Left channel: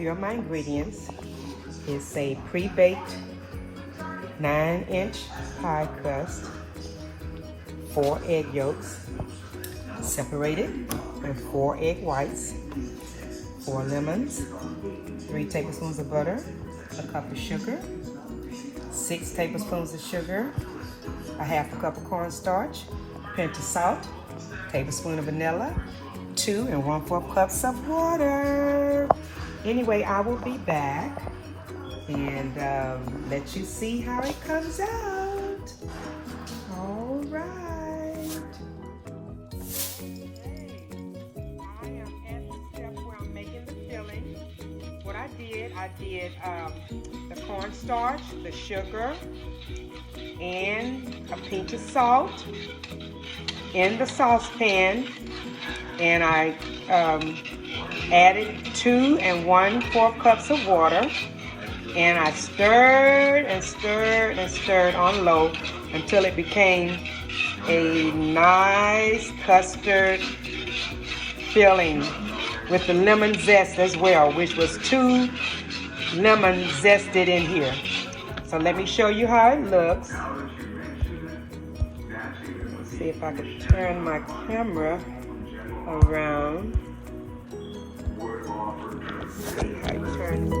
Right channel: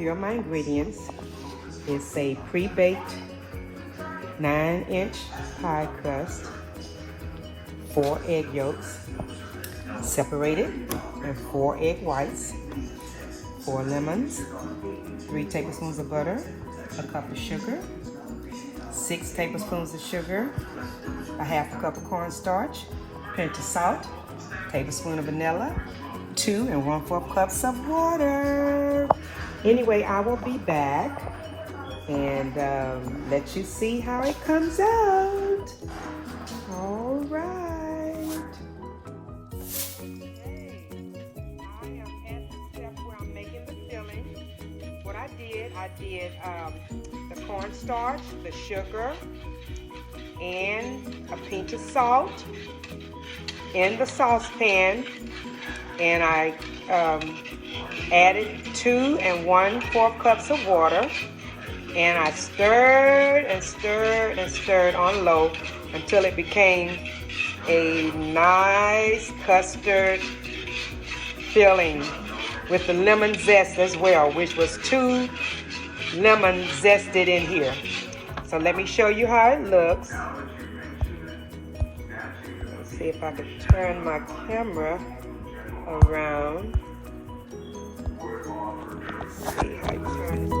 here are my ingredients. It's a pre-baked 9-inch pie crust, 4 egg yolks, separated, and 4 egg whites, 4 lemons, 3 tablespoons of butter, a cup of sugar, 6 tablespoons of sugar, a half a cup of cornstarch, a pinch of salt, a tablespoon of vanilla, 2 1/4 cups of water. Anyway, I will be back and let you see how it comes out. All right. Okay, I am at the step where I'm making the filling. What I did the cornstarch, the sugar, and a pinch of salt in the saucepan, and I added 2 1/4 cups of water, and I stirred and stirred and stirred on low until it became a nice custard filling with the lemon zest as well, which was 2 lemon zested in here. So let me show you how it looks. Let's see if I can turn my camera around. Let's see how you turn it.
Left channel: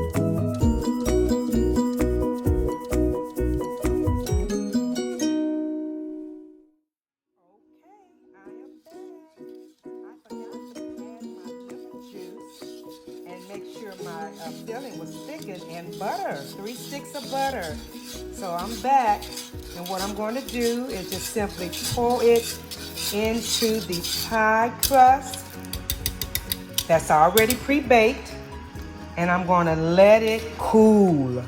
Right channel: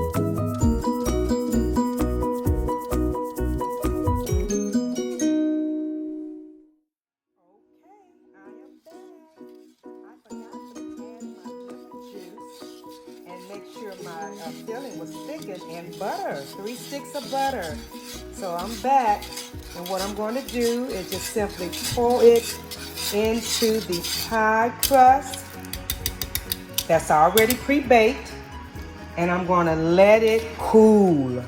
My filling was thickened and butter, 3 sticks of butter. So I'm back, and what I'm going to do is just simply pour it into the pie crust that's already pre-baked, and I'm going to let it cool.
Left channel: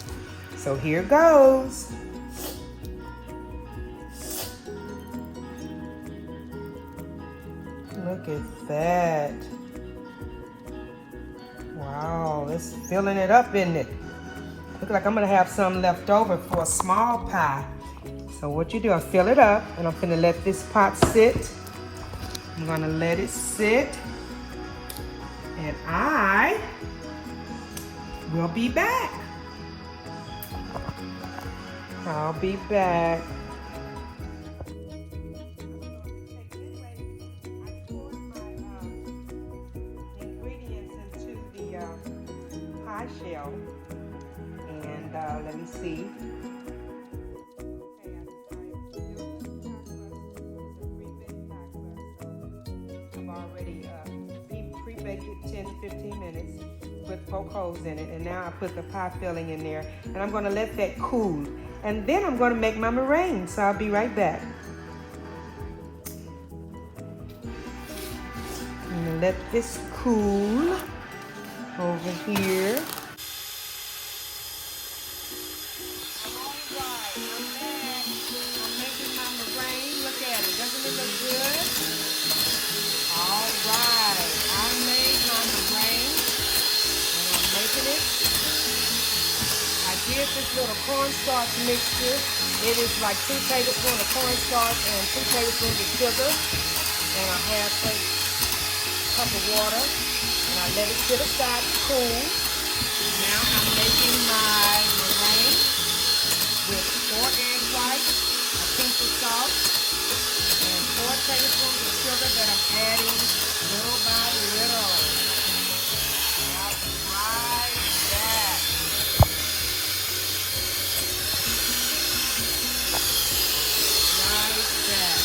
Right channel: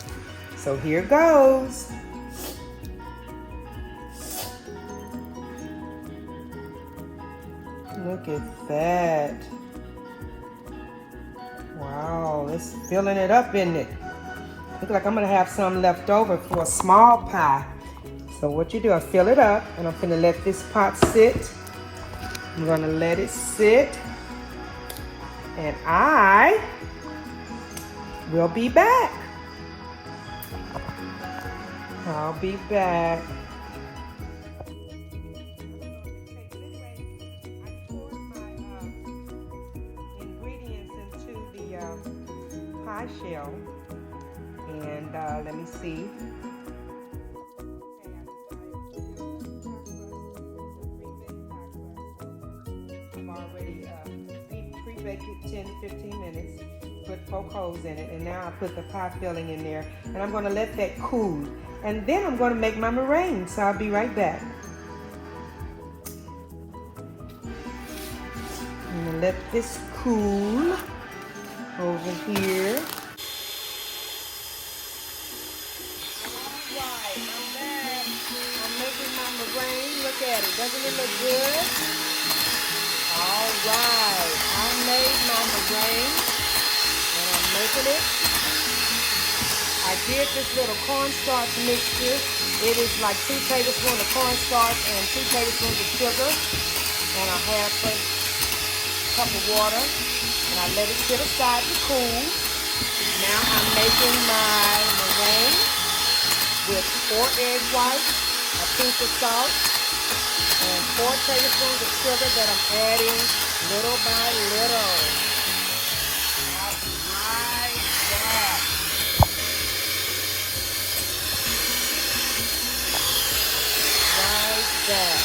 So here goes. Look at that. Wow, it's filling it up, isn't it? Looks like I'm gonna have some left over for a small pie. So what you do, I fill it up, and I'm gonna let this pot sit. I'm gonna let it sit, and I will be back. I'll be back. Let me see. I've already pre-baked it 10 to 15 minutes with 4 holes in it, and now I put the pie filling in there, and I'm going to let that cool, and then I'm going to make my meringue. So I'll be right back. I'm going to let this cool over here. Look at it. Doesn't it look good? All right. I made my meringue, and I'm making it. I did this little cornstarch mixture. It is like 2 tablespoons of cornstarch and 2 tablespoons of sugar, and a half a cup of water, and I let it sit aside to cool. Now I'm making my meringue with 4 egg whites, a pinch of salt, and 4 tablespoons of sugar that I'm adding little by little. I'll be right back. Right back.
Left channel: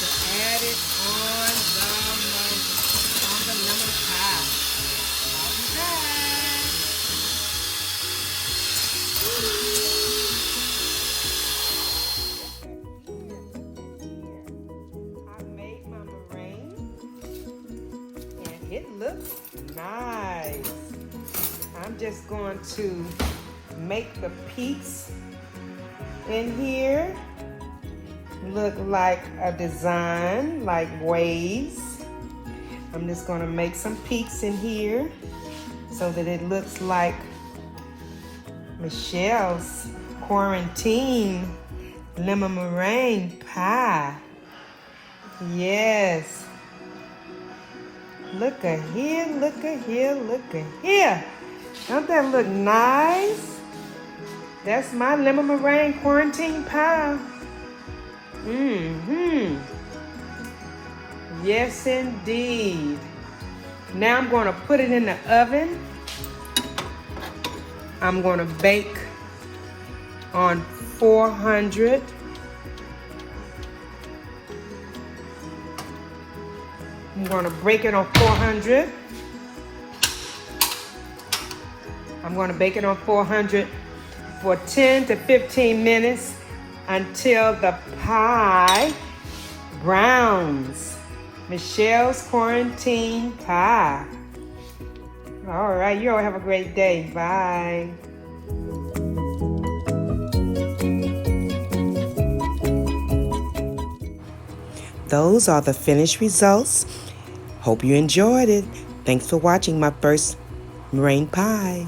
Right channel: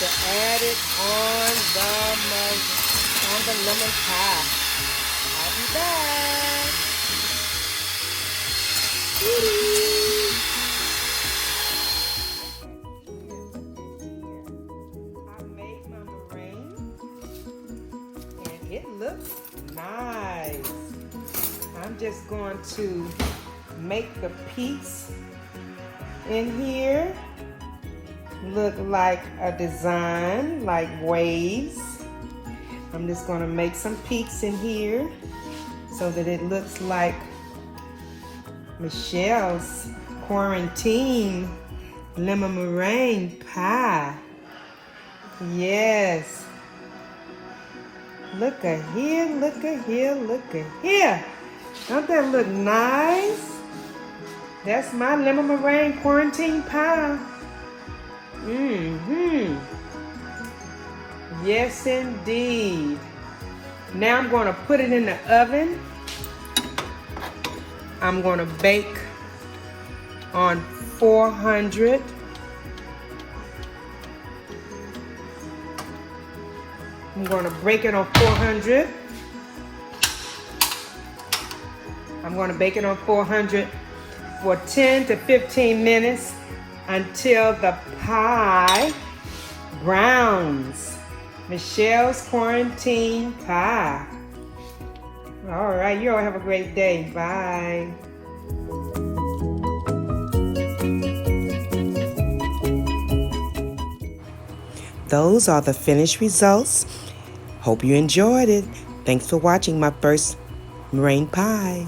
To add it on the lemon pie. I'll be back. Woo. Nice. I'm just going to make the peaks in here look like a design, like waves. I'm just going to make some peaks in here so that it looks like Michelle's quarantine lemon meringue pie. Yes. Look at here, look at here, look at here. Don't that look nice? That's my lemon meringue quarantine pie. Yes, indeed. Now I'm going to put it in the oven. I'm going to bake on 400. I'm going to bake it on 400. I'm going to bake it on 400 for 10 to 15 minutes until the pie browns. Michelle's quarantine pie. All right, you all have a great day. Bye. Those are the finished results. Hope you enjoyed it. Thanks for watching my first meringue pie.